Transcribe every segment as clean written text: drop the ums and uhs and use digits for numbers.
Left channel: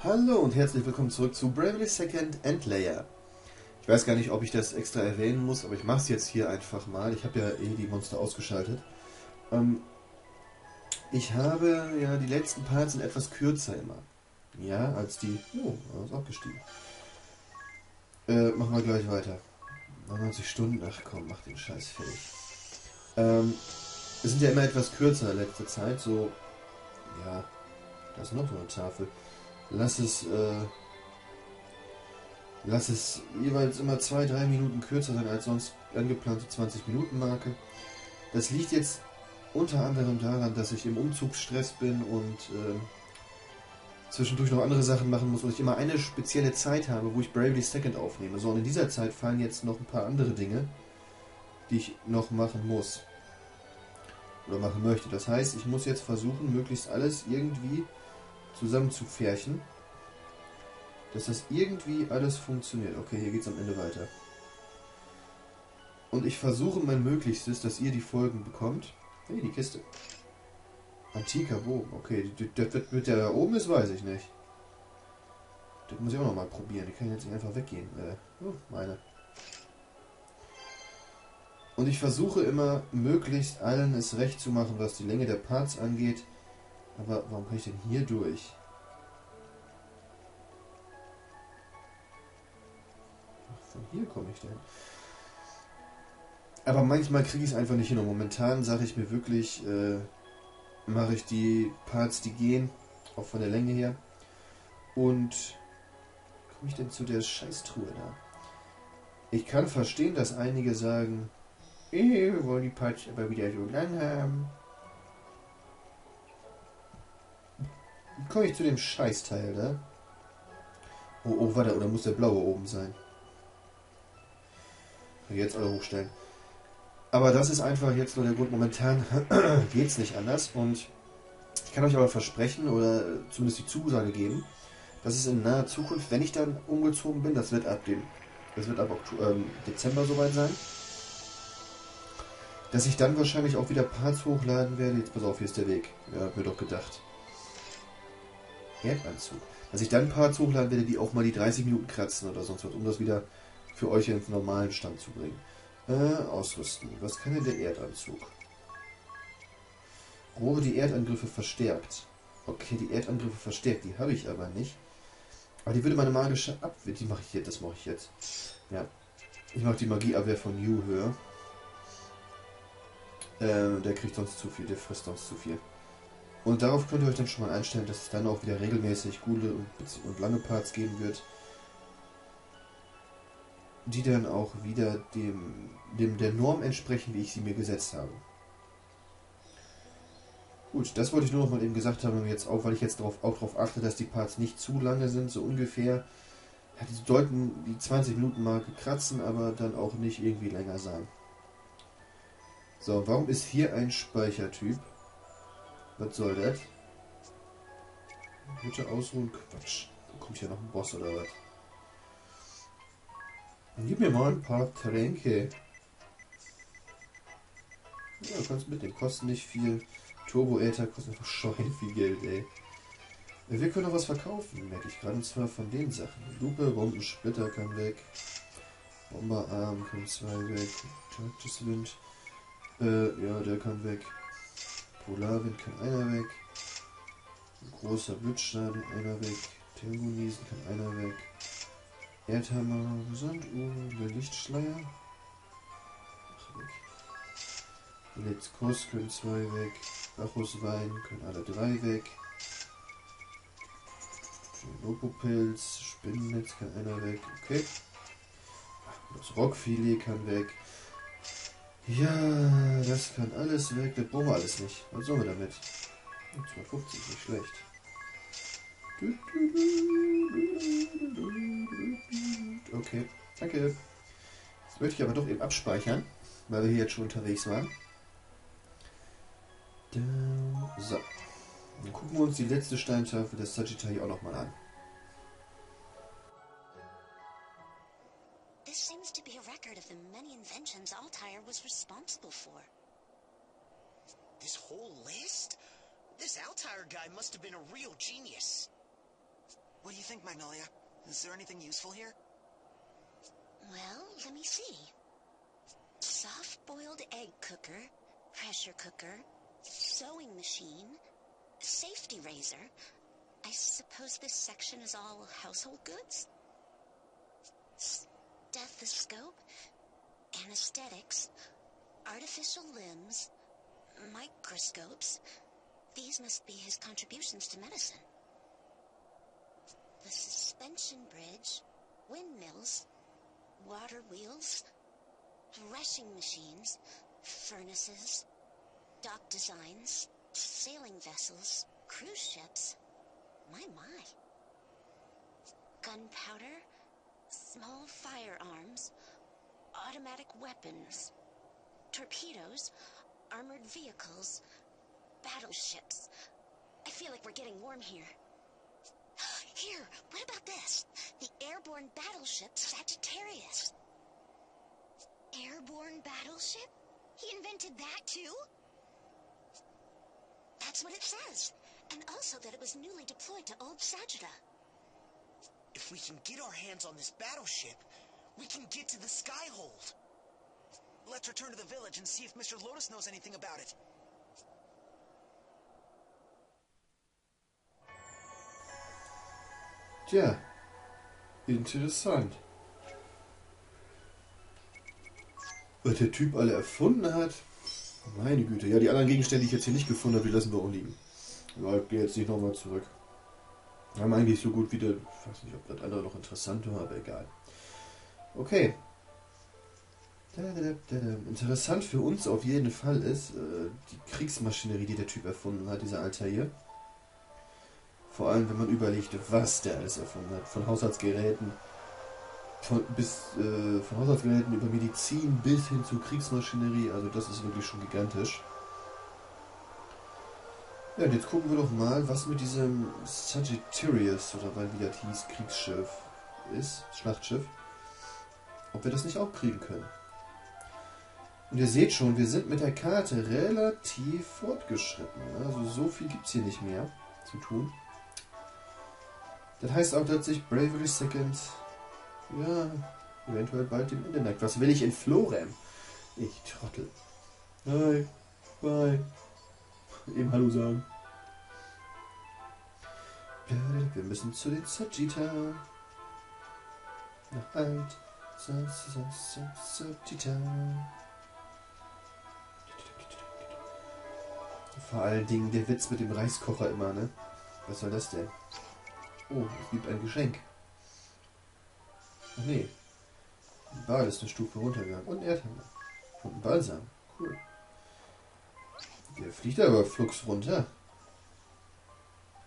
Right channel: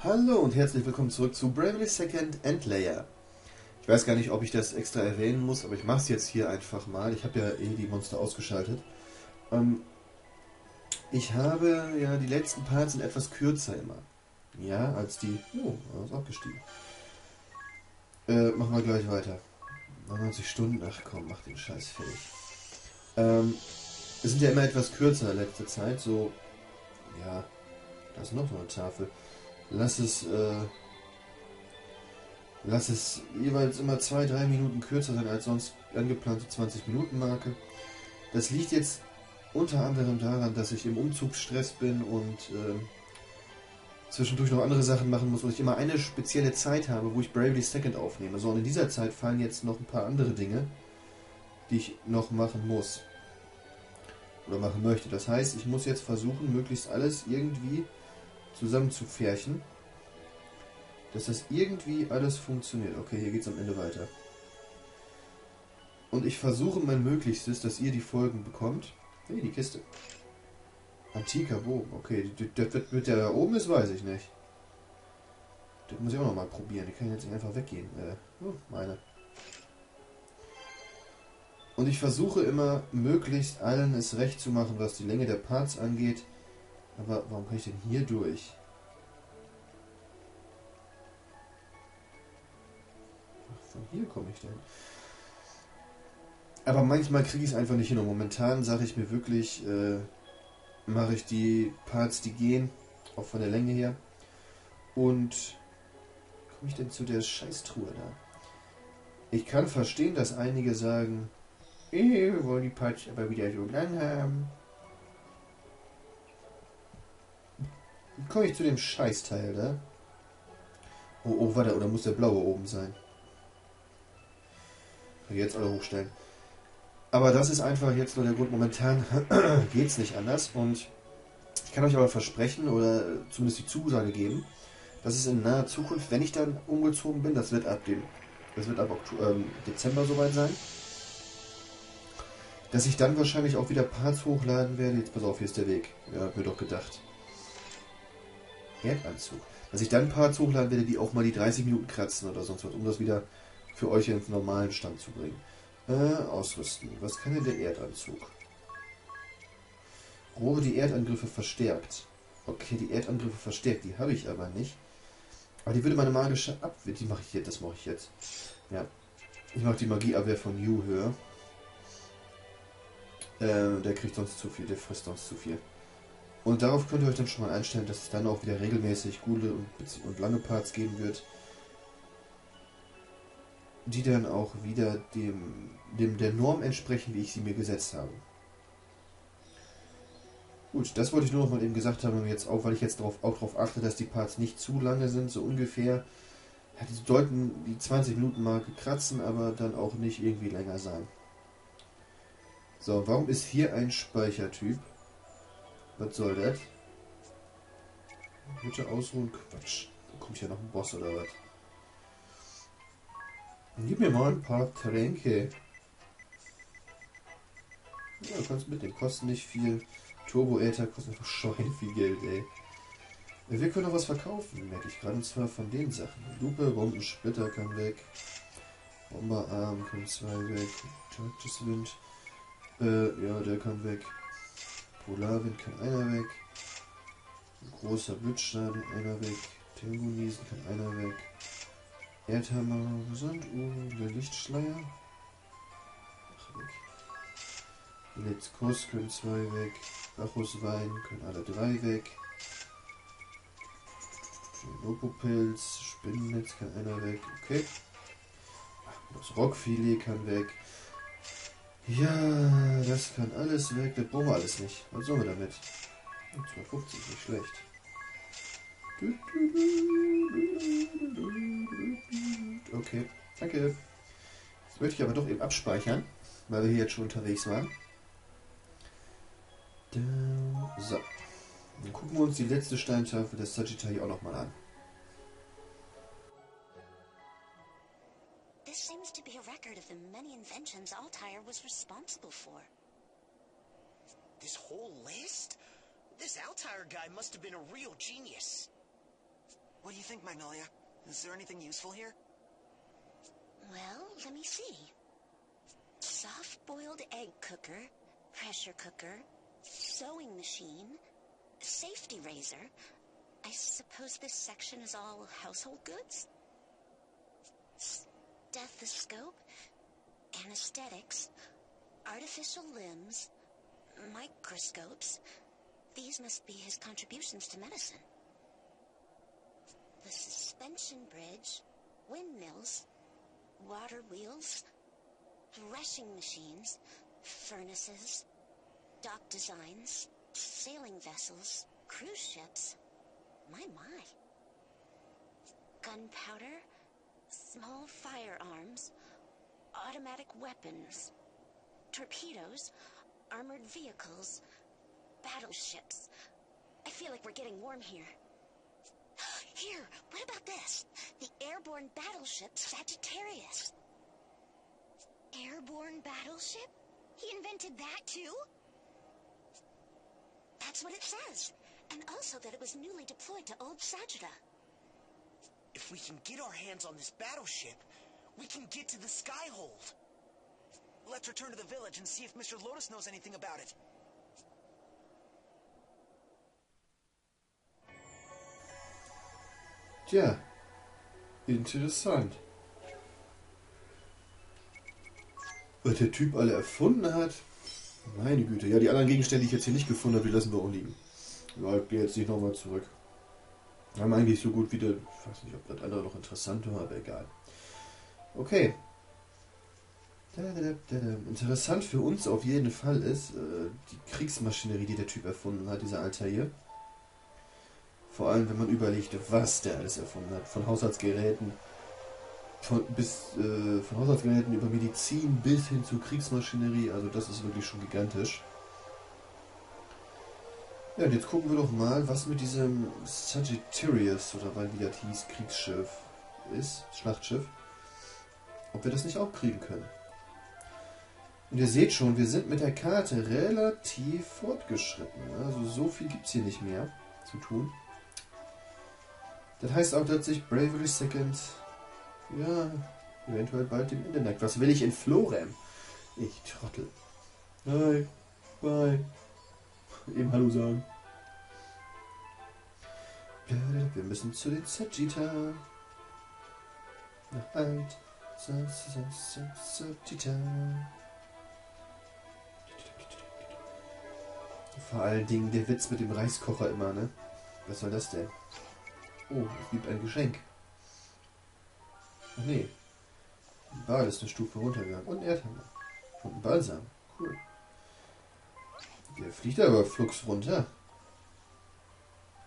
Hallo und herzlich willkommen zurück zu Bravely Second and Layer. Ich weiß gar nicht, ob ich das extra erwähnen muss, aber ich mache es jetzt hier einfach mal. Ich habe ja eh die Monster ausgeschaltet. Ähm, Ich habe ja die letzten Parts sind etwas kürzer immer. Ja, als die... Oh, er ist abgestiegen. Machen wir gleich weiter. 99 Stunden, ach komm, mach den Scheiß fertig. Es sind ja immer etwas kürzer letzte Zeit, so... Ja, da ist noch so eine Tafel. Lass es... Lass es jeweils immer 2-3 Minuten kürzer sein als sonst angeplante 20-Minuten-Marke. Das liegt jetzt unter anderem daran, dass ich im Umzugsstress bin und zwischendurch noch andere Sachen machen muss und ich immer eine spezielle Zeit habe, wo ich Bravely Second aufnehme. So, und in dieser Zeit fallen jetzt noch ein paar andere Dinge, die ich noch machen muss. Oder machen möchte. Das heißt, ich muss jetzt versuchen, möglichst alles irgendwie zusammenzupferchen, dass das irgendwie alles funktioniert. Okay, hier geht es am Ende weiter. Und ich versuche mein Möglichstes, dass ihr die Folgen bekommt. Hey, die Kiste. Antiker Bogen. Okay, das mit der da oben ist, weiß ich nicht. Das muss ich auch noch mal probieren. Die kann jetzt nicht einfach weggehen. Meine. Und ich versuche immer, möglichst allen es recht zu machen, was die Länge der Parts angeht. Aber warum kann ich denn hier durch? Ach, von hier komme ich denn. Aber manchmal kriege ich es einfach nicht hin. Und momentan sage ich mir wirklich, mache ich die Parts, die gehen, auch von der Länge her. Und komme ich denn zu der Scheißtruhe da? Ich kann verstehen, dass einige sagen, wir wollen die Parts aber wieder so lang haben. Wie komme ich zu dem Scheißteil da? Oh, warte, oder muss der blaue oben sein? Jetzt alle hochstellen. Aber das ist einfach jetzt nur der Grund. Momentan geht es nicht anders. Und ich kann euch aber versprechen, oder zumindest die Zusage geben, dass es in naher Zukunft, wenn ich dann umgezogen bin, das wird ab Dezember soweit sein, dass ich dann wahrscheinlich auch wieder Parts hochladen werde. Jetzt pass auf, hier ist der Weg. Ja, hab mir doch gedacht. Erdanzug. Dass ich dann Parts hochladen werde, die auch mal die 30 Minuten kratzen oder sonst was, um das wieder für euch ins normalen Stand zu bringen. Ausrüsten. Was kann denn der Erdanzug? Rohre die Erdangriffe verstärkt. Okay, die Erdangriffe verstärkt, die habe ich aber nicht. Aber die würde meine magische Abwehr, die mache ich jetzt, das mache ich jetzt. Ja, ich mache die Magieabwehr von Yu höher. Der kriegt sonst zu viel, der frisst sonst zu viel. Und darauf könnt ihr euch dann schon mal einstellen, dass es dann auch wieder regelmäßig gute und lange Parts geben wird, die dann auch wieder der Norm entsprechen, wie ich sie mir gesetzt habe. Gut, das wollte ich nur noch mal eben gesagt haben, jetzt auch, weil ich jetzt auch darauf achte, dass die Parts nicht zu lange sind, so ungefähr. Ja, die sollten die 20-Minuten-Marke kratzen, aber dann auch nicht irgendwie länger sein. So, warum ist hier ein Speichertyp? Was soll das? Bitte ausruhen, Quatsch. Da kommt hier noch ein Boss oder was? Gib mir mal ein paar Tränke. Ja, du kannst mitnehmen, kosten nicht viel. Turbo-Äther kostet einfach schwein viel Geld, ey. Wir können noch was verkaufen, merke ich gerade, und zwar von den Sachen. Lupe, Bombensplitter kann weg. Bomberarm können 2 weg. Taktiswind, ja, der kann weg. Polarwind kann einer weg. Großer Blitzschaden, einer weg. Tempo-Niesen kann einer weg. Erdhammer, Sanduhr, der Lichtschleier. Ach, weg. Blitzkuss können 2 weg. Bacchuswein können alle 3 weg. Lopopilz, Spinnennetz kann einer weg. Okay. Das Rockfilet kann weg. Ja, das kann alles weg. Das brauchen wir alles nicht. Was sollen wir damit? 250, nicht schlecht. Okay, danke. Jetzt möchte ich aber doch eben abspeichern, weil wir hier jetzt schon unterwegs waren. So. Dann gucken wir uns die letzte Steintafel des Sagitta hier auch nochmal an. This seems to be a record of the many inventions Altair was responsible for. This whole list? This Altair guy must have been a real genius. What do you think, Magnolia? Is there anything useful here? Well, let me see. Soft-boiled egg cooker, pressure cooker, sewing machine, safety razor. I suppose this section is all household goods? Stethoscope, anesthetics, artificial limbs, microscopes. These must be his contributions to medicine. The suspension bridge, windmills, water wheels, threshing machines, furnaces, dock designs, sailing vessels, cruise ships. My. Gunpowder, small firearms, automatic weapons, torpedoes, armored vehicles, battleships. I feel like we're getting warm here. Here, what about this? The airborne battleship Sagittarius. Airborne battleship? He invented that too? That's what it says. And also that it was newly deployed to old Sagitta. If we can get our hands on this battleship, we can get to the Skyhold. Let's return to the village and see if Mr. Lotus knows anything about it. Tja, interessant. Was der Typ alle erfunden hat? Meine Güte. Ja, die anderen Gegenstände, die ich jetzt hier nicht gefunden habe, die lassen wir auch liegen. Ja, ich gehe jetzt nicht nochmal zurück. Wir haben eigentlich so gut wieder... Ich weiß nicht, ob das andere noch interessant war, aber egal. Okay. Interessant für uns auf jeden Fall ist die Kriegsmaschinerie, die der Typ erfunden hat, dieser Altair. Vor allem, wenn man überlegt, was der alles erfunden hat. Von Haushaltsgeräten, von Haushaltsgeräten über Medizin bis hin zu Kriegsmaschinerie. Also das ist wirklich schon gigantisch. Ja, und jetzt gucken wir doch mal, was mit diesem Sagittarius, oder wie das hieß, Kriegsschiff ist, Schlachtschiff. Ob wir das nicht auch kriegen können. Und ihr seht schon, wir sind mit der Karte relativ fortgeschritten. Also so viel gibt es hier nicht mehr zu tun. Das heißt auch, dass sich Bravery Second, ja, eventuell bald dem Ende neigt. Was will ich in Florem? Ich Trottel. Hi, bye. Eben Hallo sagen. Wir müssen zu den Sagitta. Nach alt. Sagitta. Vor allen Dingen der Witz mit dem Reiskocher immer, ne? Was soll das denn? Oh, es gibt ein Geschenk. Ach nee. Ein Ball ist eine Stufe runtergegangen. Und ein Erdhammer. Und ein Balsam. Cool. Der fliegt aber flugs runter.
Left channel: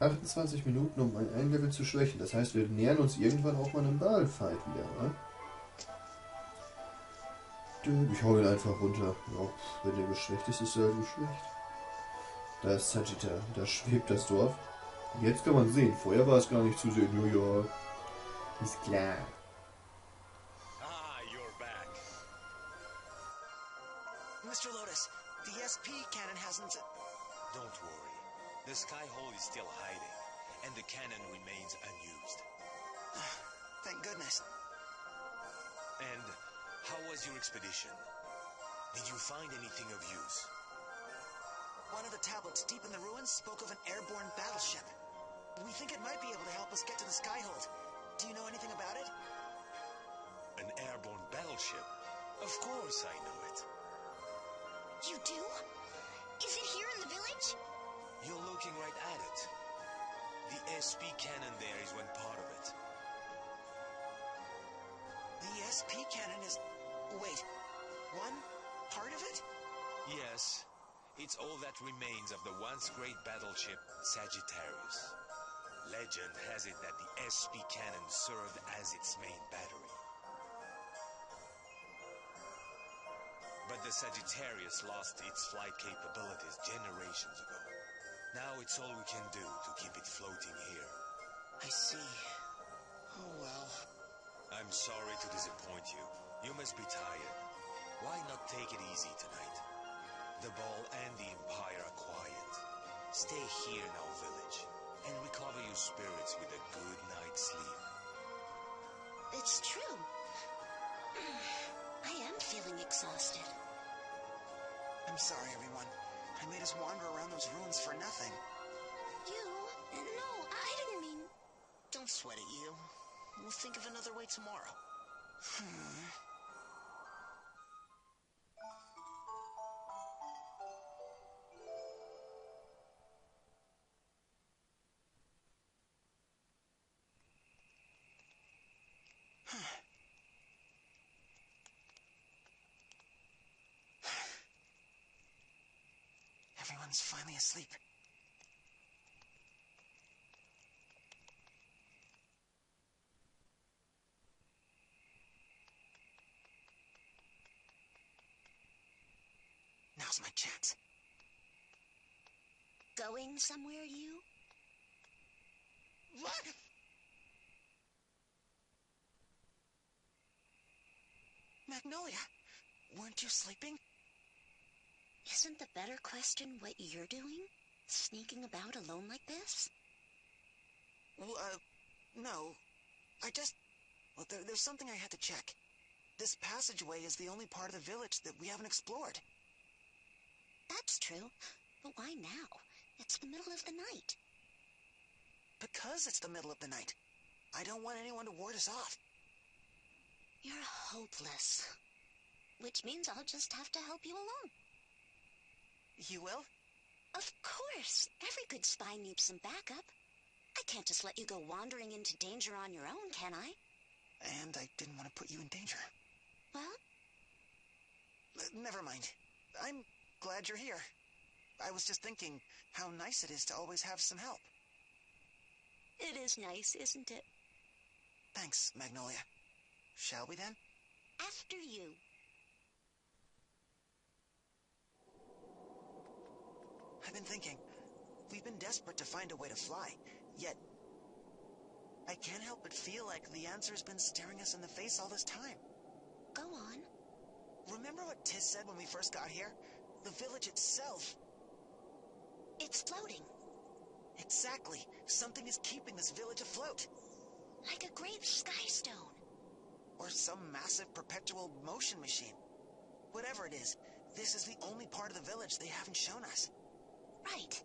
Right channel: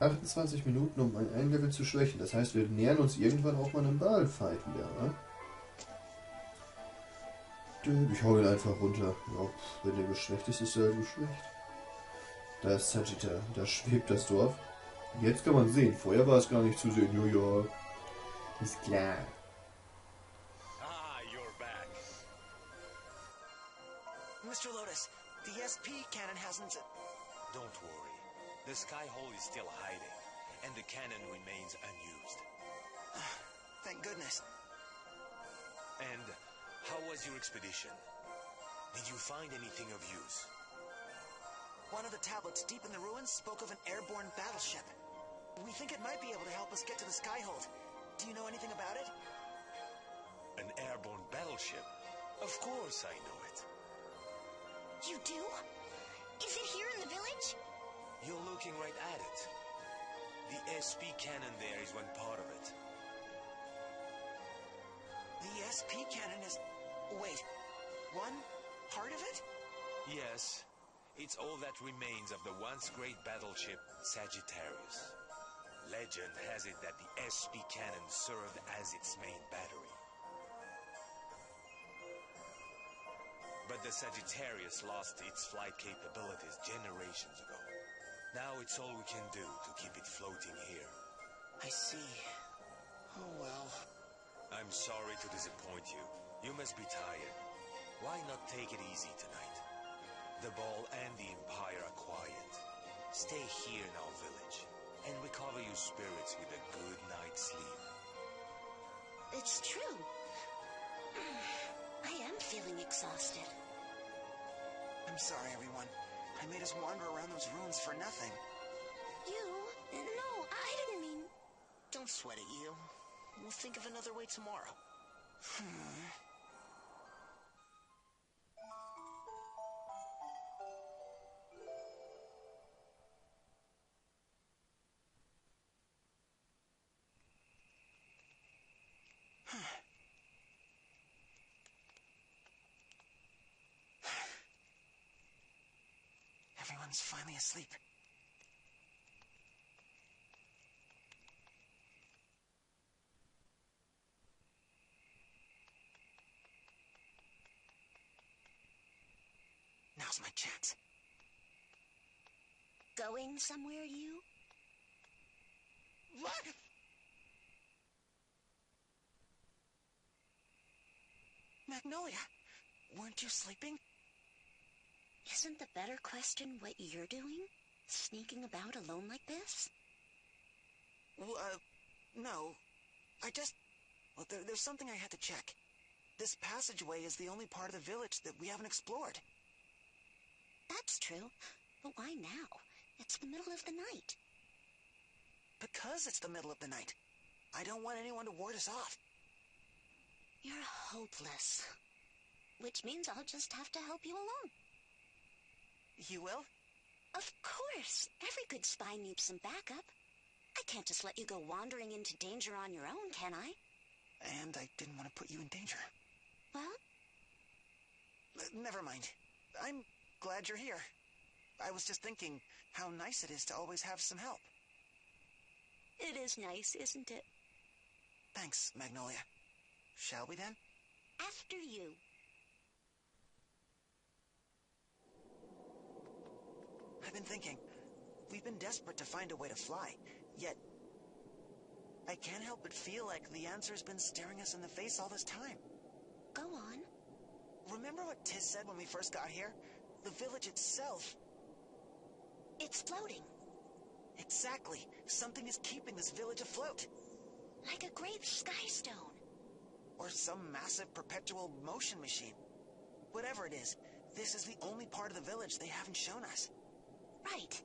28 Minuten, um ein Level zu schwächen. Das heißt, wir nähern uns irgendwann auch mal einem Ball-Fight wieder, wa? Ich hau ihn einfach runter. Ja, wenn der geschwächt ist, ist er halt geschwächt. Da ist Sagitta. Da schwebt das Dorf. Jetzt kann man sehen. Vorher war es gar nicht zu sehen. Ja. Ist klar. Ah, you're back. Mr. Lotus, the SP cannon hasn't... Don't worry. The Skyhold is still hiding, and the cannon remains unused. Thank goodness. And how was your expedition? Did you find anything of use? One of the tablets deep in the ruins spoke of an airborne battleship. We think it might be able to help us get to the Skyhold. Do you know anything about it? An airborne battleship? Of course I know it. You do? Is it here in the village? You're looking right at it. The SP cannon there is one part of it. The SP cannon is... Wait, one part of it? Yes. It's all that remains of the once great battleship Sagittarius. Legend has it that the SP cannon served as its main battery. But the Sagittarius lost its flight capabilities generations ago. Now it's all we can do to keep it floating here. I see. Oh well. I'm sorry to disappoint you. You must be tired. Why not take it easy tonight? The ball and the Empire are quiet. Stay here in our village, and recover your spirits with a good night's sleep. It's true. I am feeling exhausted. I'm sorry, everyone. I made us wander around those ruins for nothing. You? No, I didn't mean... Don't sweat it, you. We'll think of another way tomorrow. Everyone's finally asleep. Now's my chance. Going somewhere, you? What? Magnolia, weren't you sleeping? Isn't the better question what you're doing? Sneaking about alone like this? Well, no. Well, there's something I had to check. This passageway is the only part of the village that we haven't explored. That's true. But why now? It's the middle of the night. Because it's the middle of the night. I don't want anyone to ward us off. You're hopeless. Which means I'll just have to help you along. You will? Of course. Every good spy needs some backup. I can't just let you go wandering into danger on your own, can I? And I didn't want to put you in danger. Well? Never mind. I'm glad you're here. I was just thinking how nice it is to always have some help. It is nice, isn't it? Thanks, Magnolia. Shall we then? After you. I've been thinking. We've been desperate to find a way to fly, yet I can't help but feel like the answer's been staring us in the face all this time. Go on. Remember what Tiz said when we first got here? The village itself. It's floating. Exactly. Something is keeping this village afloat. Like a great sky stone. Or some massive perpetual motion machine. Whatever it is, this is the only part of the village they haven't shown us. Right.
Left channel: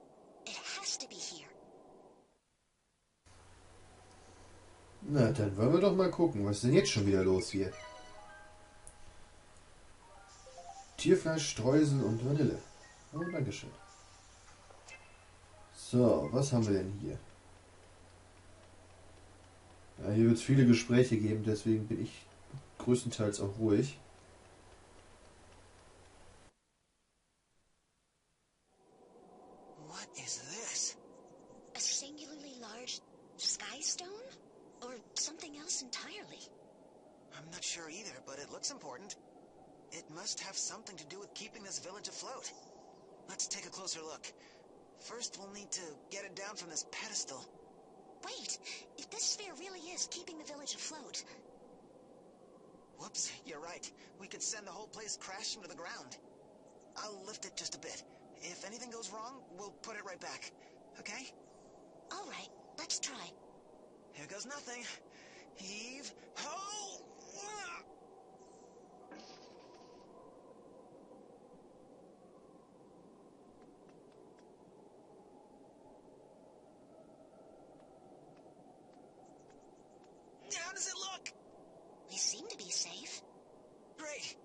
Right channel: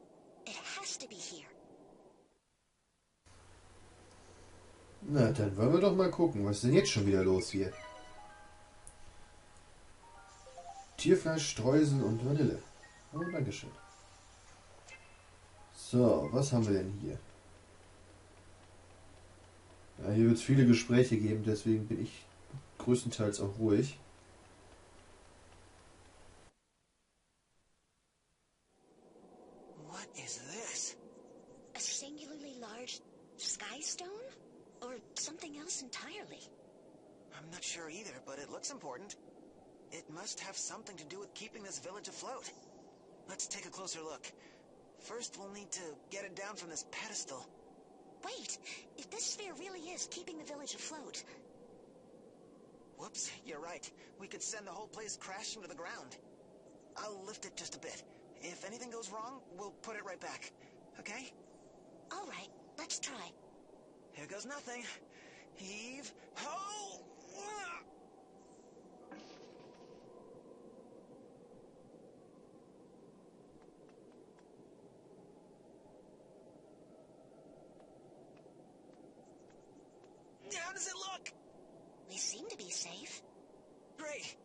It has to be here. Na, dann wollen wir doch mal gucken, was ist denn jetzt schon wieder los hier? Tierfleisch, Streusel und Vanille. Oh, dankeschön. So, was haben wir denn hier? Ja, hier wird es viele Gespräche geben, deswegen bin ich größtenteils auch ruhig. What is this? A singularly large sky stone? Or something else entirely? I'm not sure either, but it looks important. It must have something to do with keeping this village afloat. Let's take a closer look. First, we'll need to get it down from this pedestal. Wait, if this sphere really is keeping the village afloat... Whoops, you're right. We could send the whole place crashing to the ground. I'll lift it just a bit. If anything goes wrong, we'll put it right back. Okay? All right, let's try. Here goes nothing. Heave ho! How does it look? We seem to be safe. Great.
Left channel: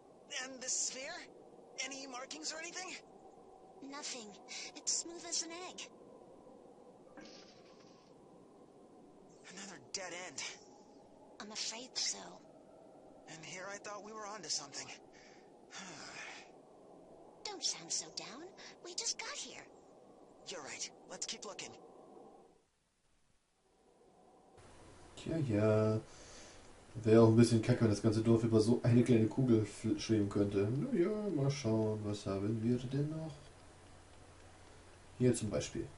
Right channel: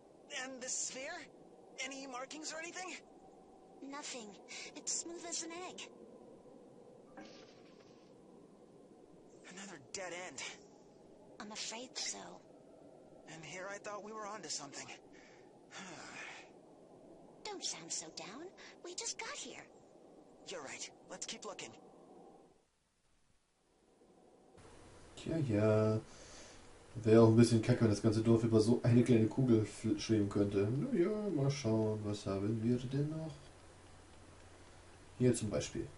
And the sphere? Any markings or anything? Nothing. It's smooth as an egg. Another dead end. I'm afraid so. And here I thought we were onto something. Don't sound so down. We just got here. You're right. Let's keep looking. Tja, ja. Wäre auch ein bisschen kacke, wenn das ganze Dorf über so eine kleine Kugel schweben könnte. Naja, mal schauen, was haben wir denn noch? Hier zum Beispiel.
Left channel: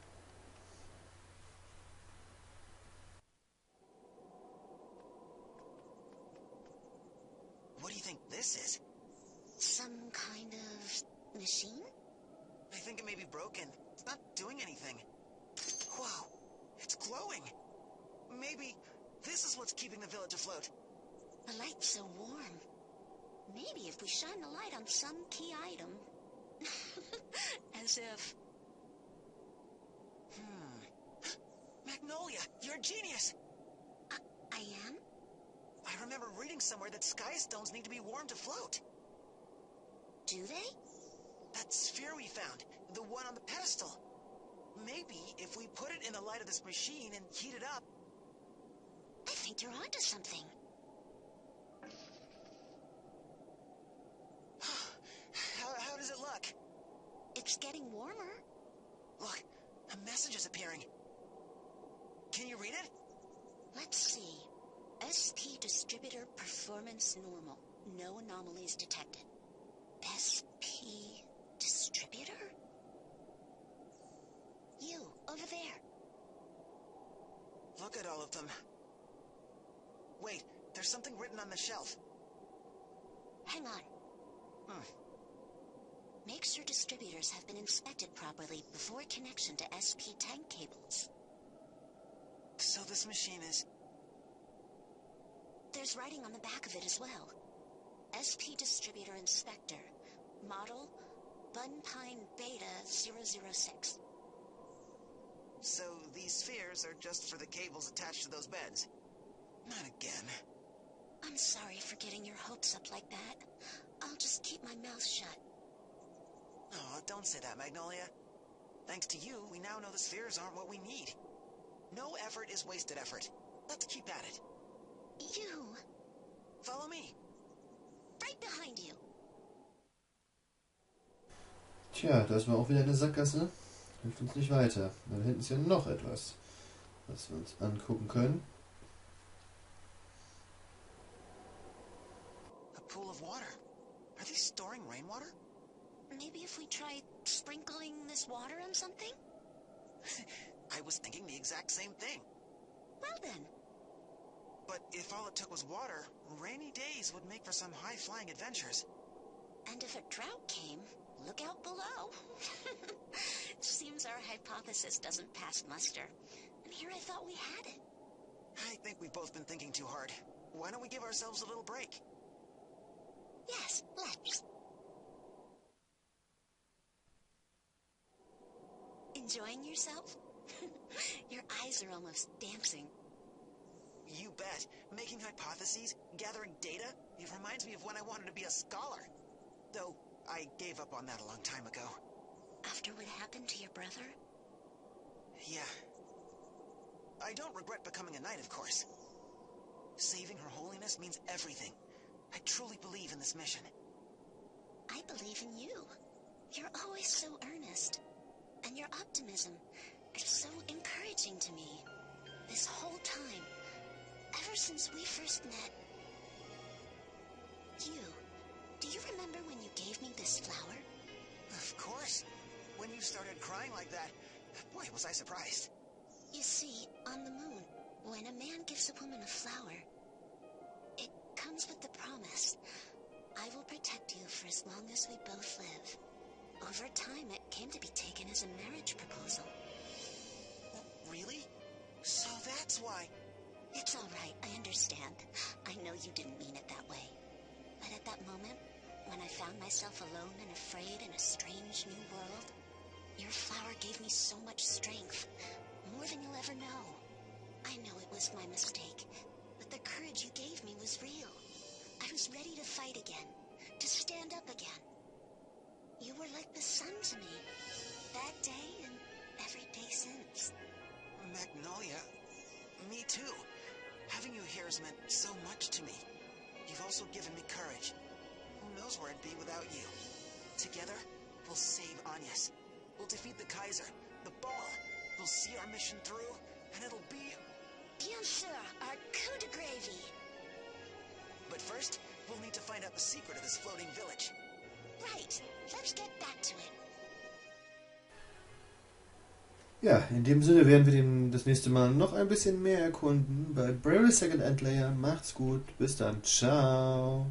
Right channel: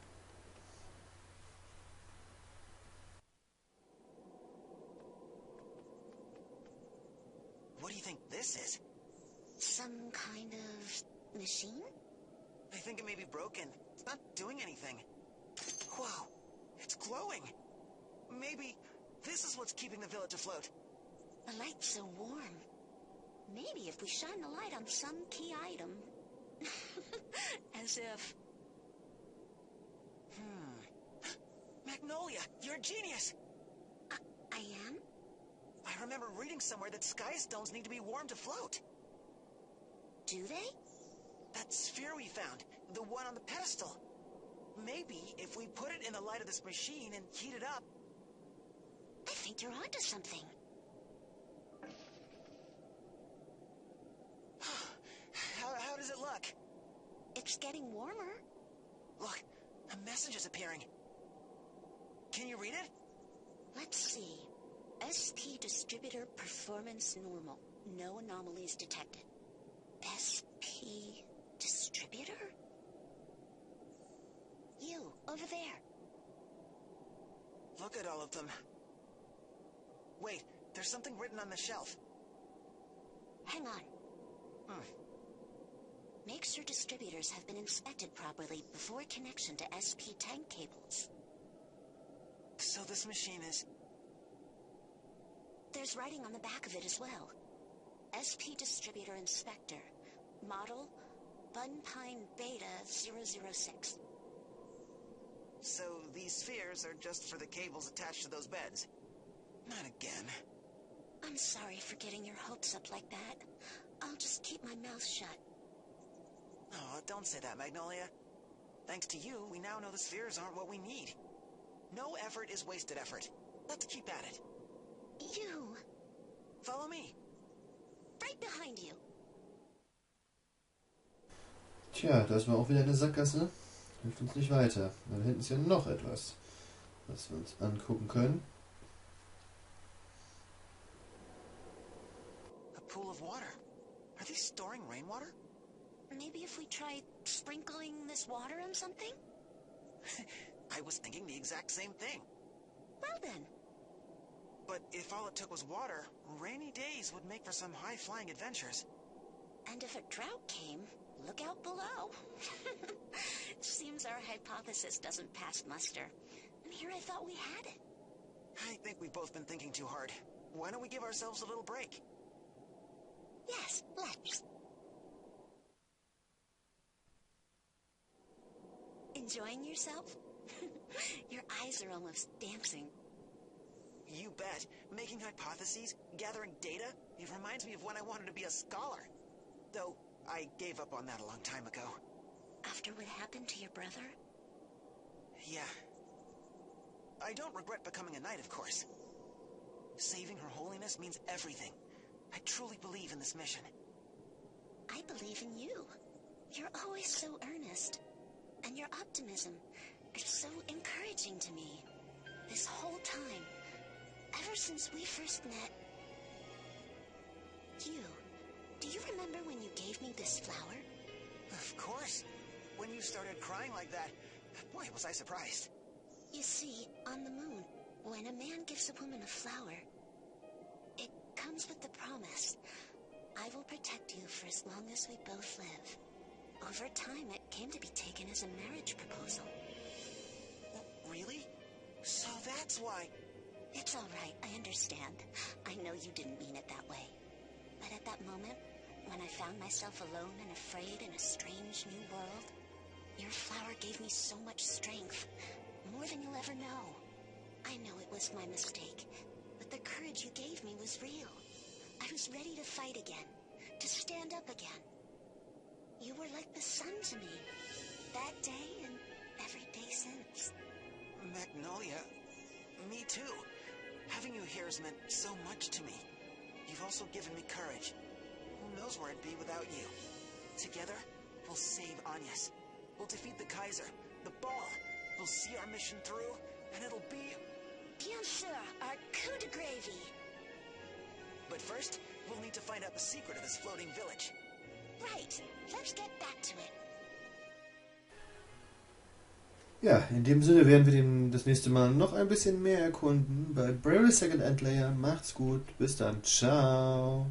What do you think this is? Some kind of machine? I think it may be broken. It's not doing anything. Wow. It's glowing. Maybe this is what's keeping the village afloat. The light's so warm. Maybe if we shine the light on some key item. As if... Magnolia, you're a genius. I am? I remember reading somewhere that sky stones need to be warm to float. Do they? That sphere we found, the one on the pedestal. Maybe if we put it in the light of this machine and heat it up... I think you're onto something. How does it look? It's getting warmer. Look, a message is appearing. Can you read it? Let's see. SP distributor performance normal. No anomalies detected. SP distributor? You, over there. Look at all of them. Wait, there's something written on the shelf. Hang on. Make sure distributors have been inspected properly before connection to SP tank cables. So this machine is... There's writing on the back of it as well. SP Distributor Inspector. Model Bunpine Beta 006. So these spheres are just for the cables attached to those beds? Not again. I'm sorry for getting your hopes up like that. I'll just keep my mouth shut. Oh, don't say that, Magnolia. Thanks to you, we now know the spheres aren't what we need. No effort is wasted effort. Let's keep at it. You! Follow me. Right behind you. Tja, das war auch wieder eine Sackgasse. Hilft uns nicht weiter. Da hinten ist ja noch etwas, was wir uns angucken können. A pool of water. Are they storing rainwater? Maybe if we try sprinkling this water on something? I was thinking the exact same thing. Well then. But if all it took was water, rainy days would make for some high-flying adventures. And if a drought came, look out below. Seems our hypothesis doesn't pass muster. And here I thought we had it. I think we've both been thinking too hard. Why don't we give ourselves a little break? Yes, let's. Enjoying yourself? Your eyes are almost dancing. You bet. Making hypotheses, gathering data, it reminds me of when I wanted to be a scholar. Though, I gave up on that a long time ago. After what happened to your brother? Yeah. I don't regret becoming a knight, of course. Saving Her Holiness means everything. I truly believe in this mission. I believe in you. You're always so earnest. And your optimism is so encouraging to me. This whole time. Ever since we first met. Do you remember when you gave me this flower? Of course. When you started crying like that, boy, was I surprised. You see, on the moon, when a man gives a woman a flower, it comes with the promise, I will protect you for as long as we both live. Over time, it came to be taken as a marriage proposal. Really? So that's why... It's all right, I understand. I know you didn't mean it that way. But at that moment, when I found myself alone and afraid in a strange new world, your flower gave me so much strength, more than you'll ever know. I know it was my mistake, but the courage you gave me was real. I was ready to fight again, to stand up again. You were like the sun to me, that day and every day since. Magnolia, me too. Having you here has meant so much to me. You've also given me courage. Who knows where I'd be without you? Together, we'll save Agnes. We'll defeat the Kaiser, the ball. We'll see our mission through, and it'll be... Bien sûr, our coup de gravy. But first, we'll need to find out the secret of this floating village. Right, let's get back to it. Ja, in dem Sinne werden wir das nächste Mal noch ein bisschen mehr erkunden bei Bravery Second End Layer. Macht's gut, bis dann, ciao.